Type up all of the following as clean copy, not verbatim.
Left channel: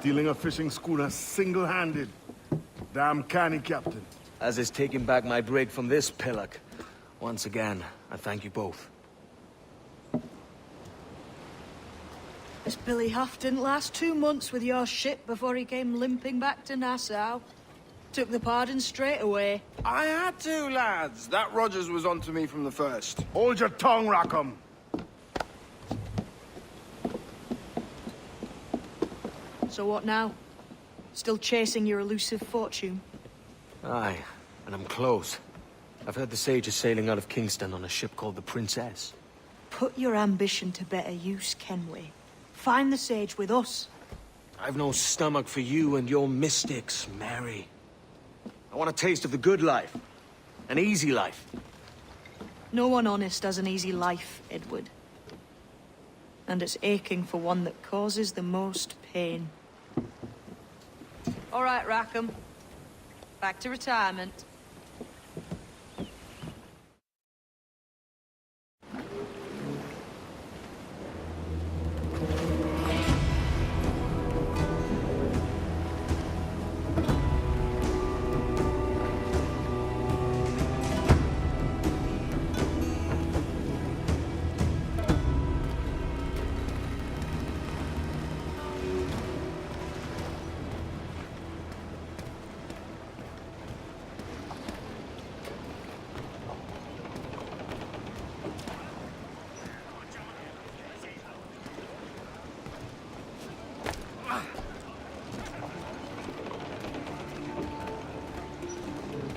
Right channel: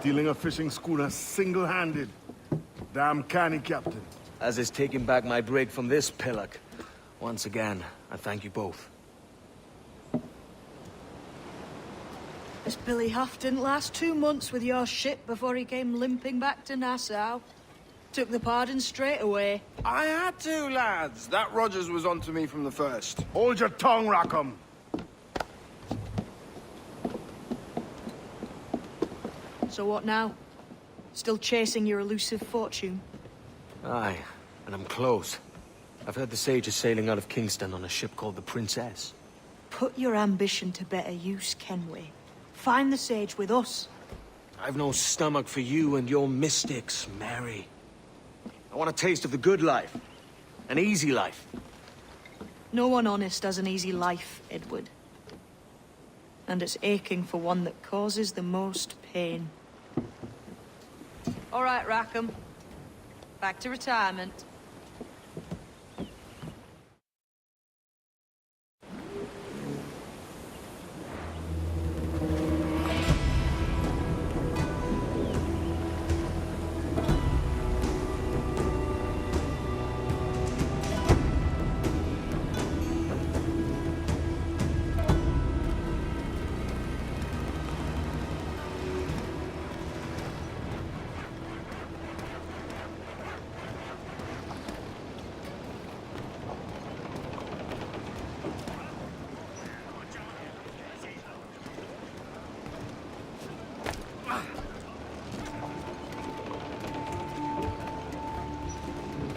Stealing a fishing schooner single-handed. Damn canny, Captain. As is taking back my brig from this pillock. Once again, I thank you both. This Billy Huff didn't last 2 months with your ship before he came limping back to Nassau. Took the pardon straight away. I had to, lads. That Rogers was onto me from the first. Hold your tongue, Rackham. So what now? Still chasing your elusive fortune? Aye, and I'm close. I've heard the Sage is sailing out of Kingston on a ship called the Princess. Put your ambition to better use, Kenway. Find the Sage with us. I've no stomach for you and your mystics, Mary. I want a taste of the good life. An easy life. No one honest has an easy life, Edward. And it's aching for one that causes the most pain. All right, Rackham. Back to retirement.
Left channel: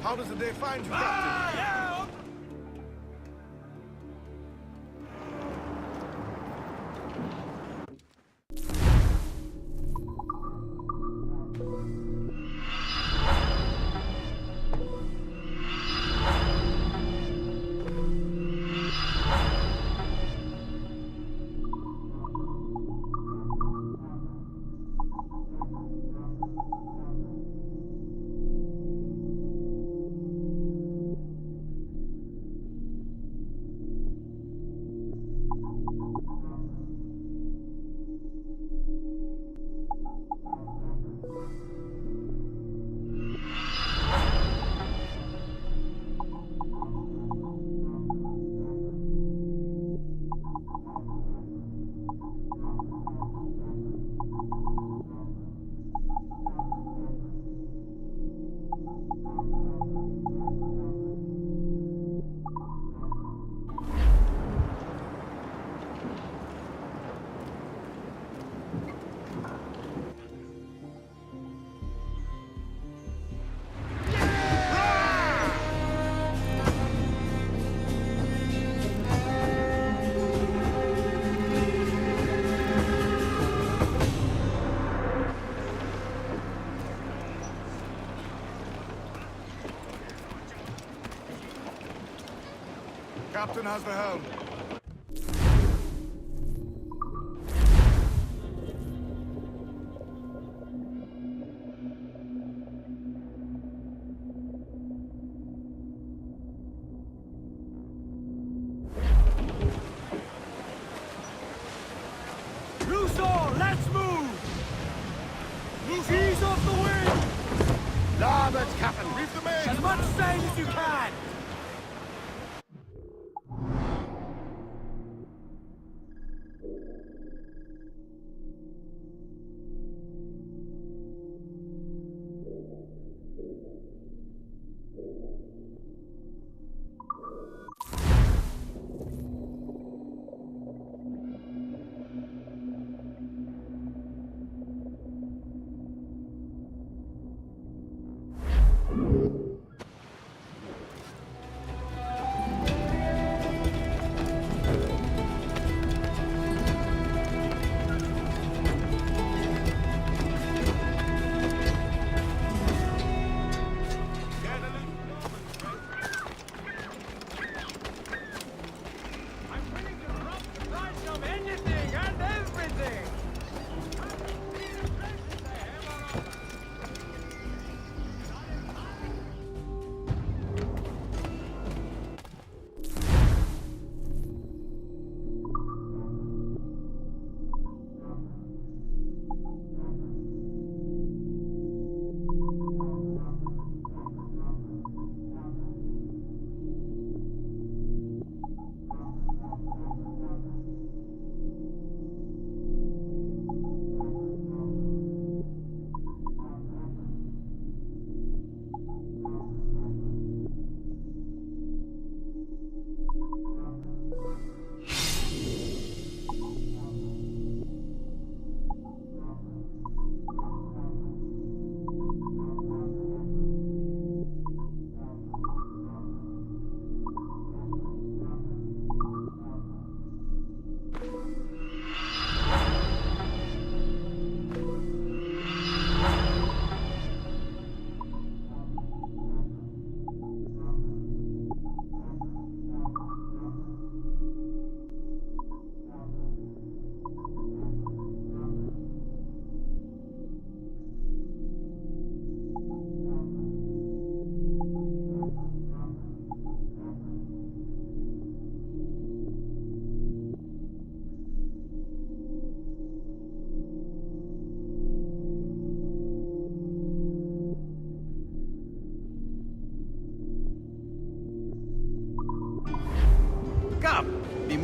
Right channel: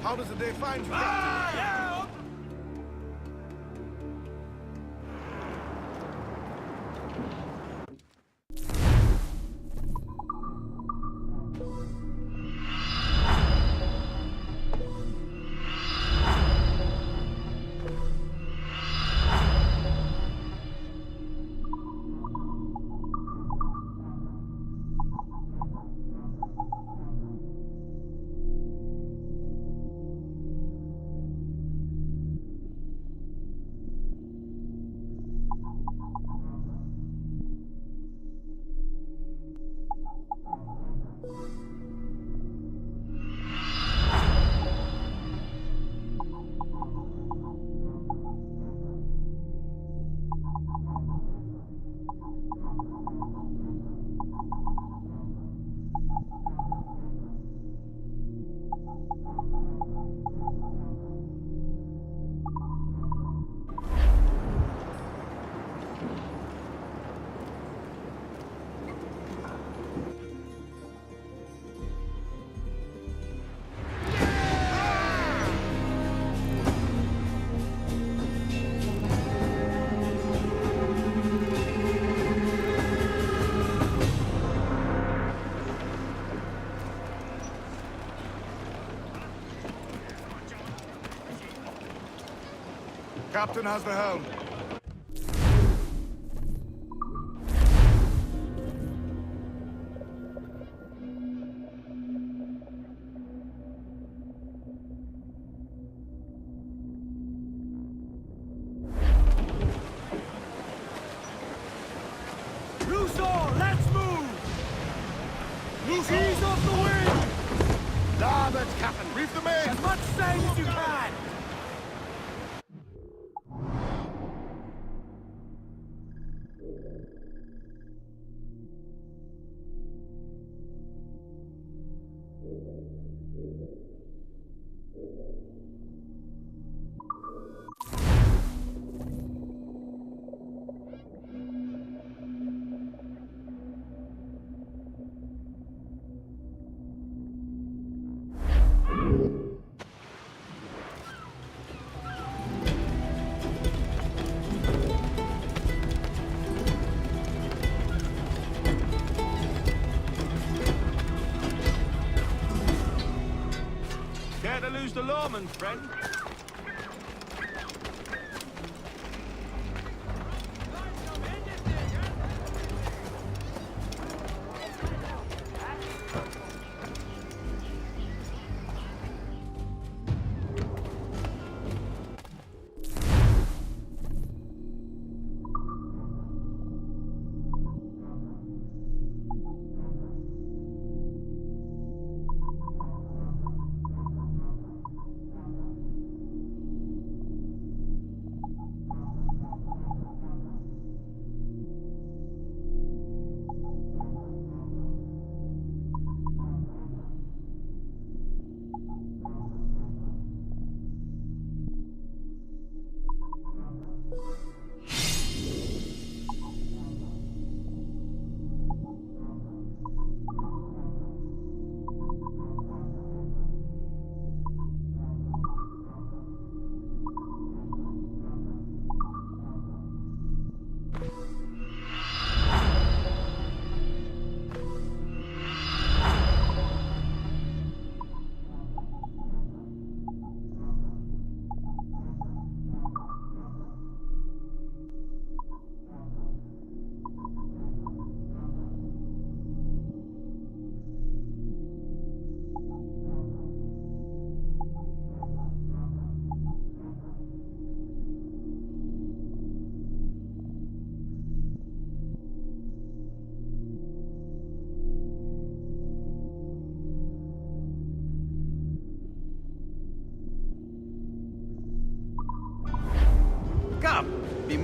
How does the day find you, Captain? Captain has the helm. Loose all, let's move! Ease off the wind! Larboard, Captain. Reef the main. As much sail as you can!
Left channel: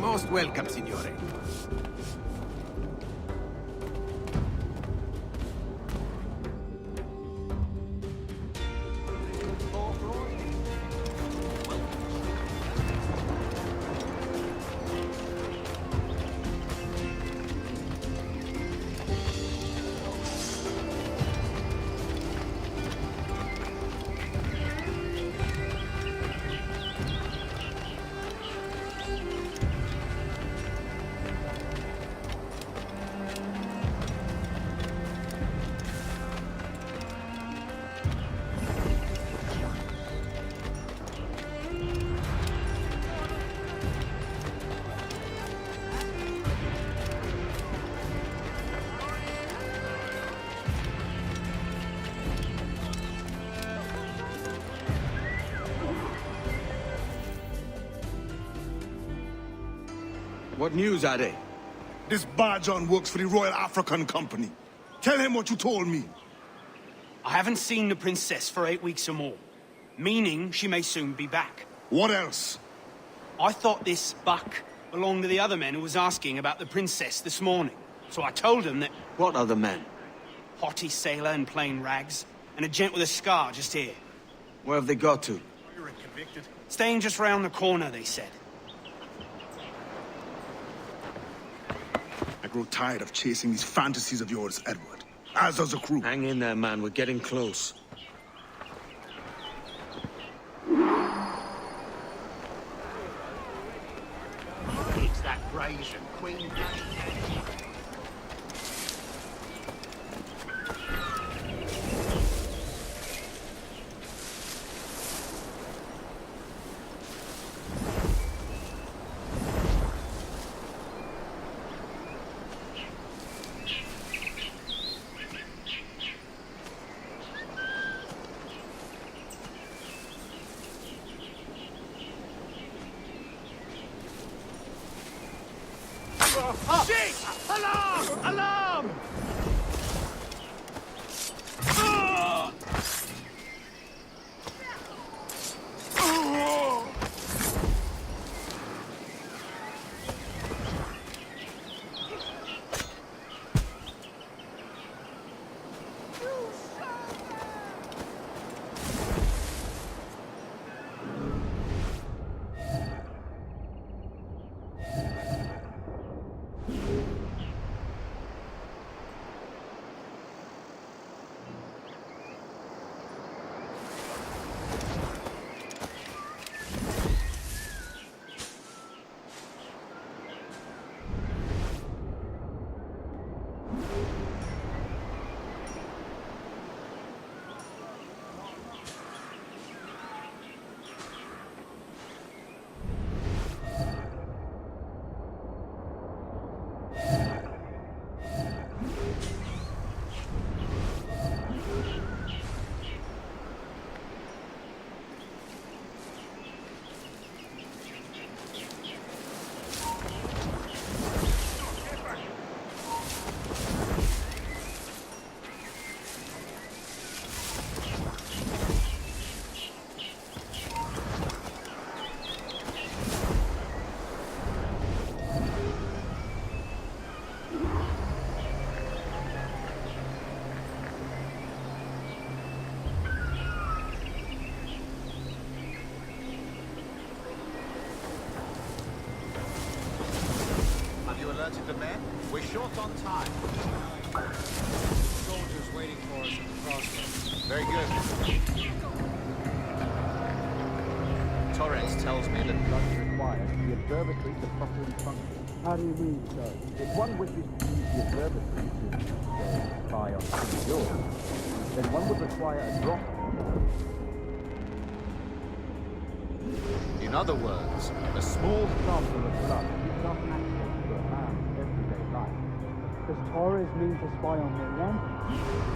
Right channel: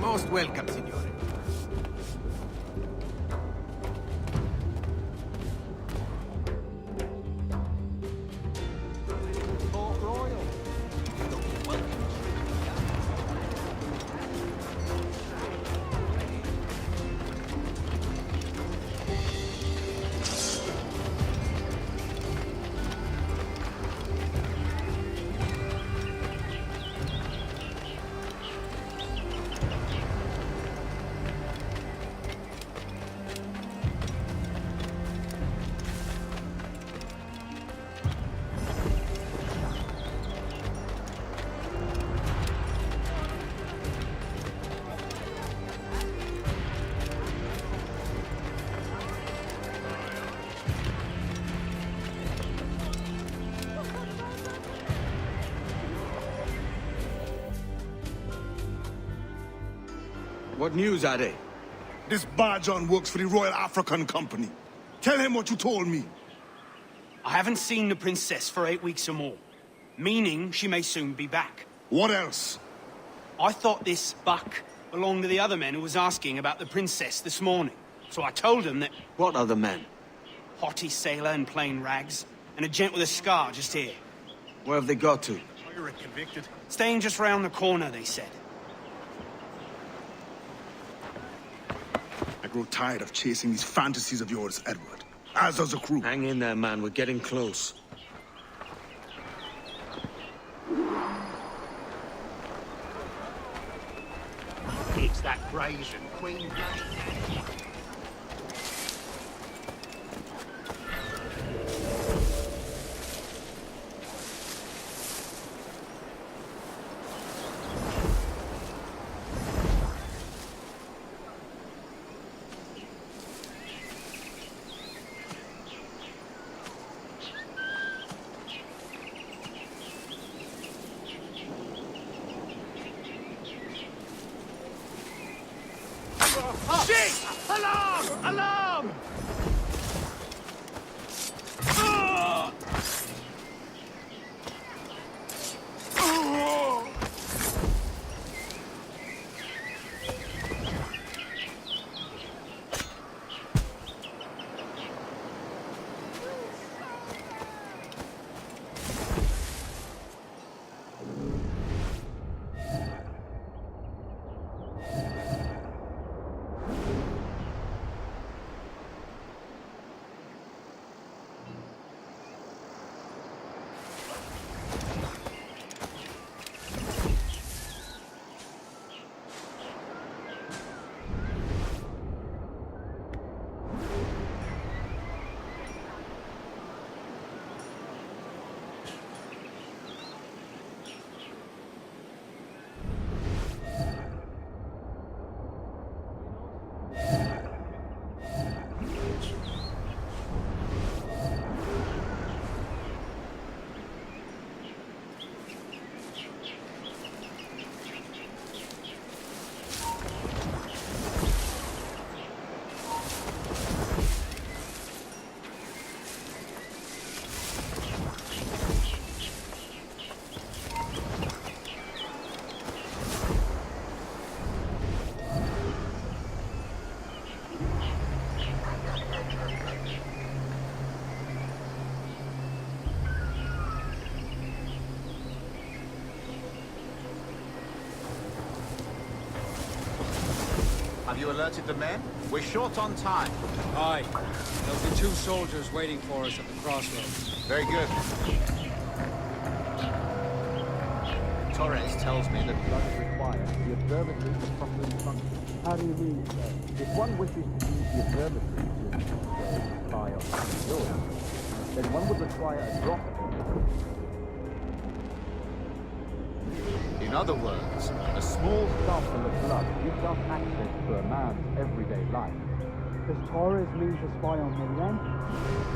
Most welcome, signore. What news, Ade? This Barjon works for the Royal African Company. Tell him what you told me. I haven't seen the princess for 8 weeks or more, meaning she may soon be back. What else? I thought this buck belonged to the other men who was asking about the princess this morning. So I told him that What other men? haughty sailor in plain rags, and a gent with a scar just here. Where have they got to? Staying just round the corner, they said. I grow tired of chasing these fantasies of yours, Edward. As does the crew. Hang in there, man. We're getting close. It's that brazen queen blood. Shit! Alarm! Alarm! Have you alerted the men? We're short on time. Aye. There'll be 2 soldiers waiting for us at the crossroads. Very good. Torres tells me that blood is required for the observatory to properly function. How do you mean, sir? If one wishes to use the observatory to, say, spy on King George, then one would require a drop. In other words, a small sample of blood gives us access to a man's everyday life. Does Torres mean to spy on me then?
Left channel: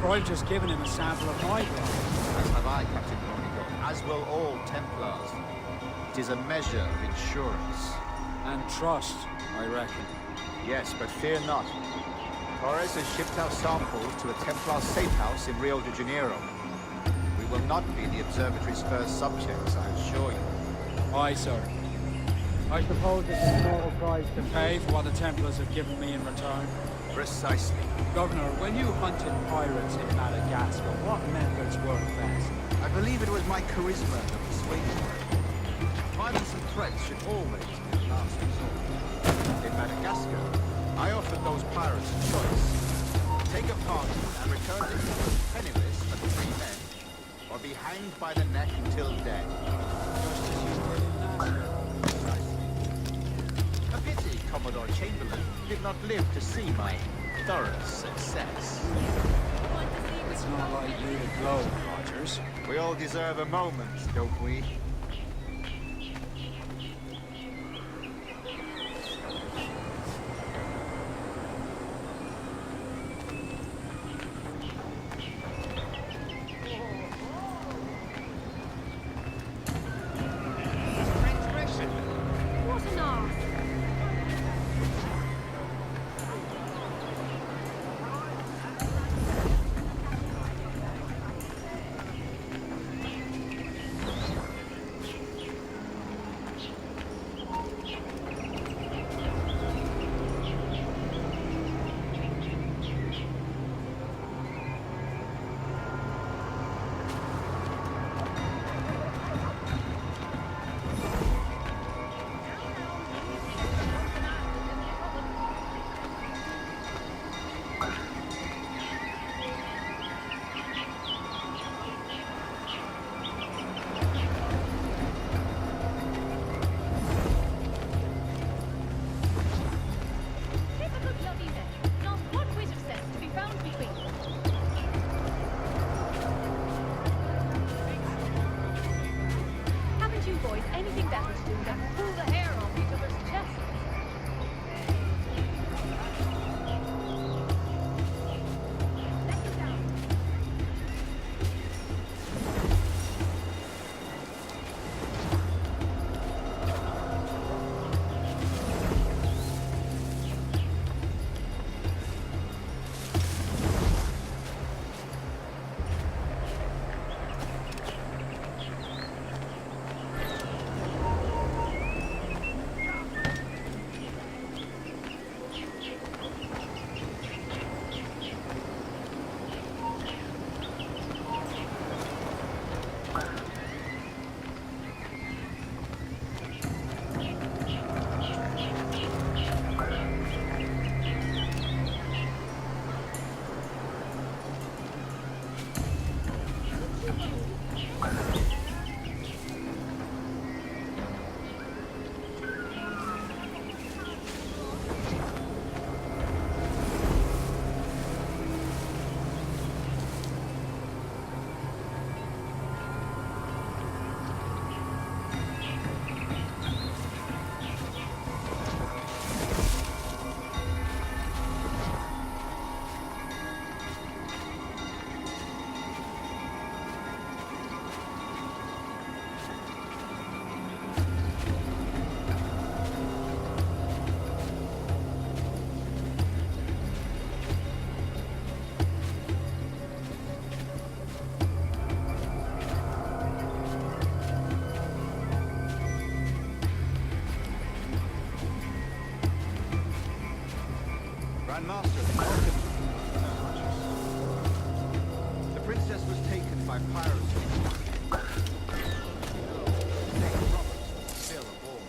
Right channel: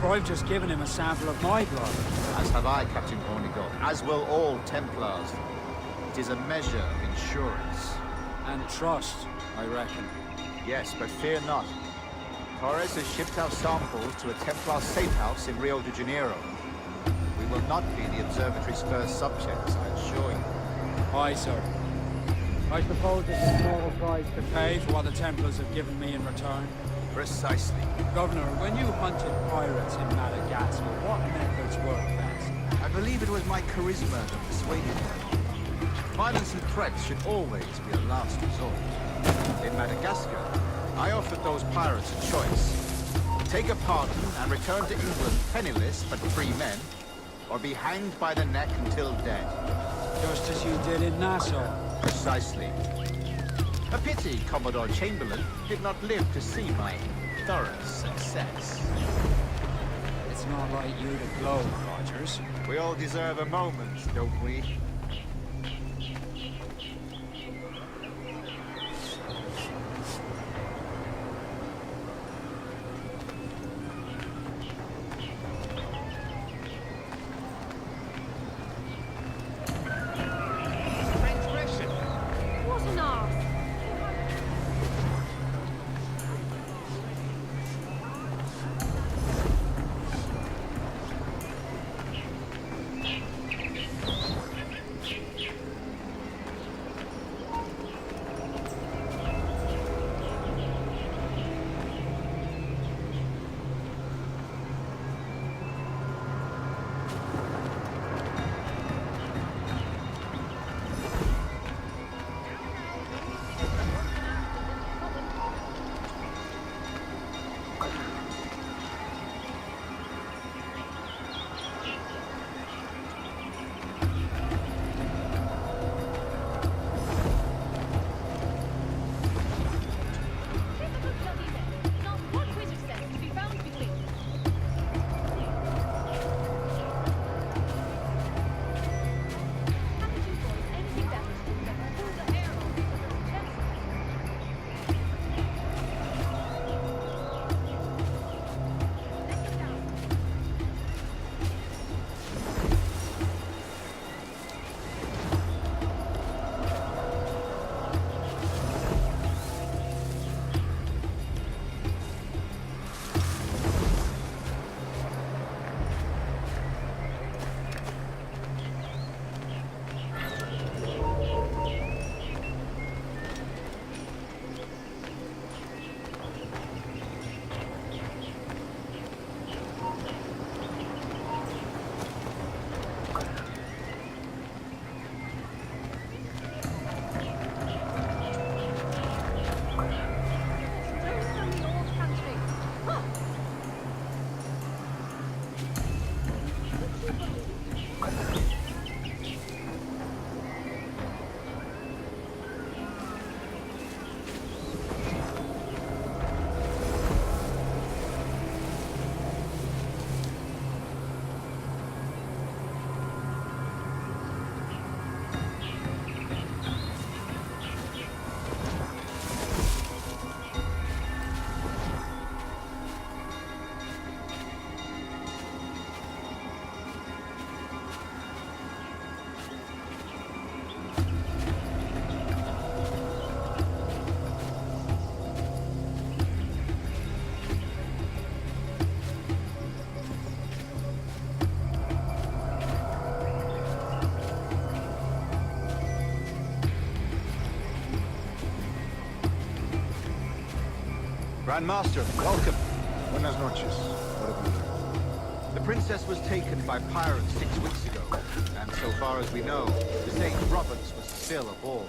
For I've just given him a sample of my blood. As have I, Captain Hornigold, as will all Templars. It is a measure of insurance. And trust, I reckon. Yes, but fear not. Torres has shipped our samples to a Templar safe house in Rio de Janeiro. We will not be the observatory's first subjects, I assure you. Aye, sir. I suppose it's a small price to pay for what the Templars have given me in return. Precisely. Governor, when you hunted pirates in Madagascar, what methods worked best? I believe it was my charisma that persuaded them. Violence and threats should always be a last resort. In Madagascar, I offered those pirates a choice. Take a pardon and return to England penniless but free men, or be hanged by the neck until dead. Just as you did in Nassau. Precisely. A pity Commodore Chamberlain did not live to see my thorough success. It's not like you to gloat, Rogers. We all deserve a moment, don't we? What an arse! Anything better to do than pull the hair off each other's chests? Let it down. Grandmaster, welcome. Buenas noches. What have you heard? The princess was taken by pirates 6 weeks ago, and so far as we know, St. Roberts was still aboard.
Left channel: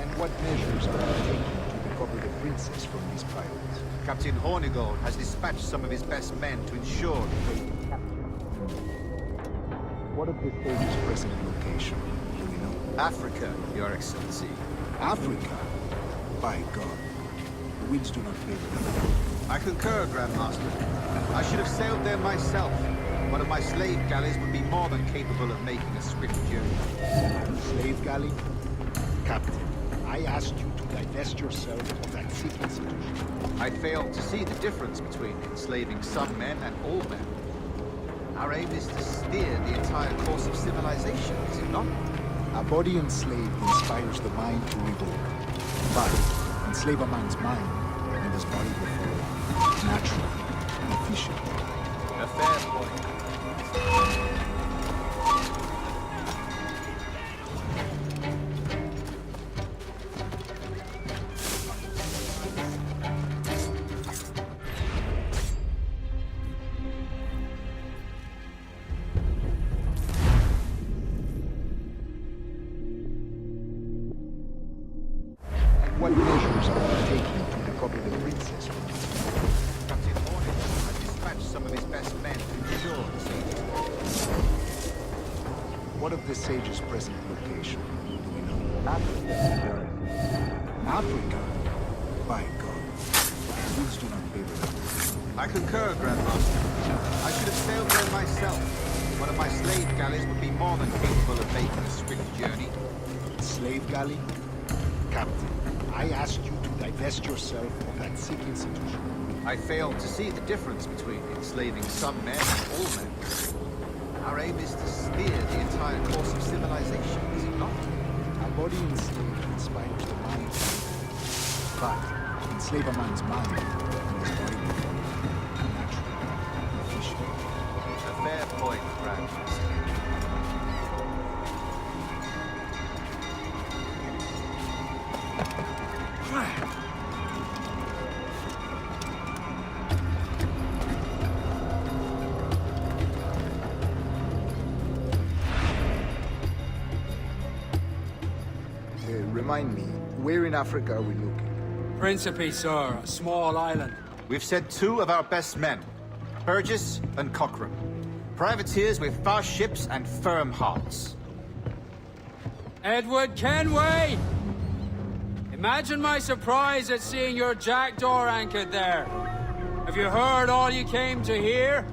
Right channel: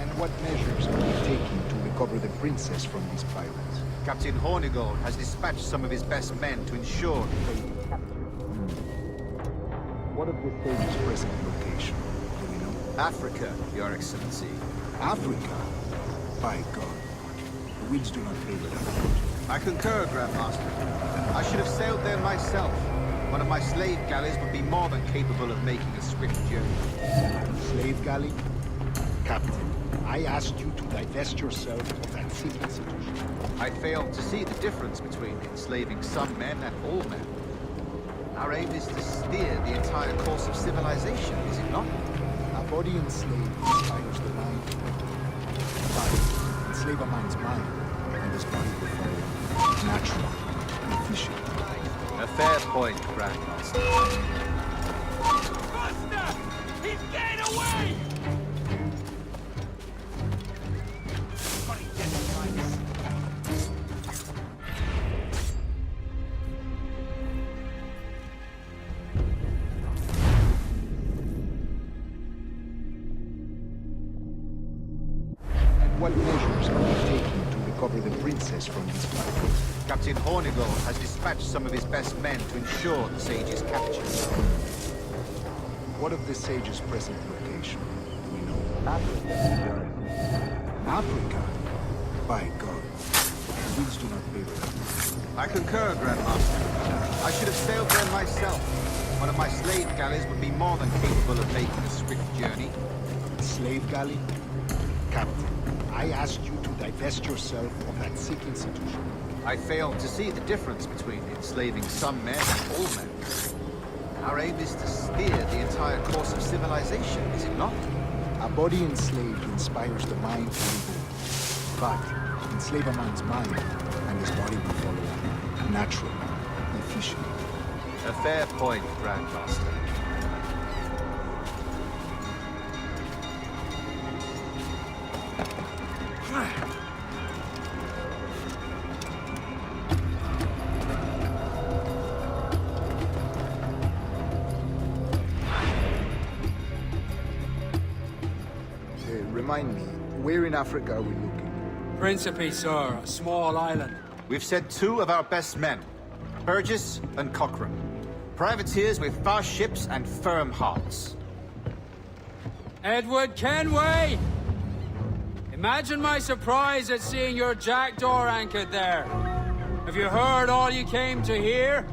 And what measures are you taking to recover the princess from these pirates? Captain Hornigold has dispatched some of his best men to ensure that they be captured. What of the stage's present location? Do we know? Africa, Your Excellency. Africa? By God. The winds do not favor them. I concur, Grandmaster. I should have sailed there myself. One of my slave galleys would be more than capable of making a swift journey. Slave galley? Captain, I asked you to divest yourself of that citizenship. I failed to see the difference between enslaving some men and all men. Our aim is to steer the entire course of civilization, is it not? A body enslaved inspires the mind to revolt. But enslave a man's mind, and his body will follow on. Natural, efficient. A fair point, Grandmaster. What measures are you taking to recover the princess from this fight? Captain Hornigold has dispatched some of his best men to ensure the sage's capture. What of the sage's present location? Do we know? Africa. Africa? By God. The winds do not favor them. I concur, Grandmaster. I should have sailed there myself. One of my slave galleys would be more than capable of making a swift journey. Slave galley? Captain, I asked you to divest yourself of that sick institution. I failed to see the difference between enslaving some men and all men. Our aim is to steer the entire course of civilization, is it not? A body enslaved inspires the mind to live. But enslave a man's mind, and his body will follow on. Natural, efficient. A fair point, Grandmaster. Remind me, where in Africa are we looking? Principe, sir, a small island. We've sent 2 of our best men, Burgess and Cochrane. Privateers with fast ships and firm hearts. Edward Kenway! Imagine my surprise at seeing your jackdaw anchored there. Have you heard all you came to hear?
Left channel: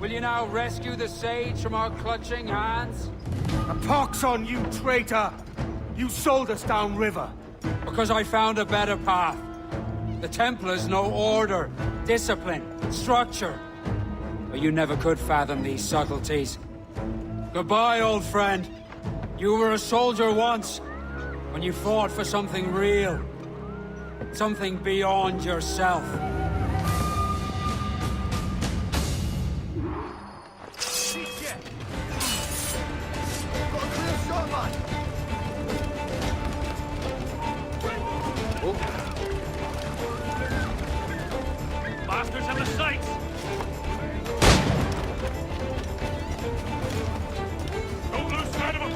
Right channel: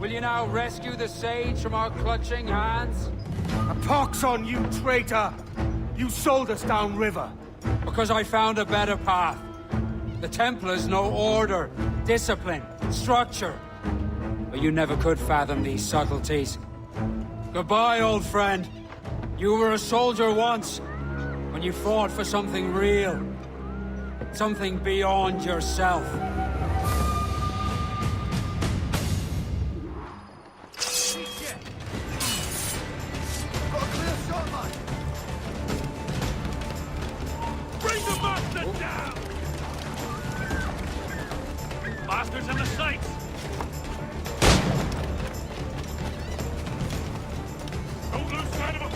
Will you now rescue the sage from our clutching hands? A pox on you, traitor! You sold us downriver. Because I found a better path. The Templars know order, discipline, structure. But you never could fathom these subtleties. Goodbye, old friend. You were a soldier once, when you fought for something real. Something beyond yourself. Bastards in the sights! Don't lose sight of them!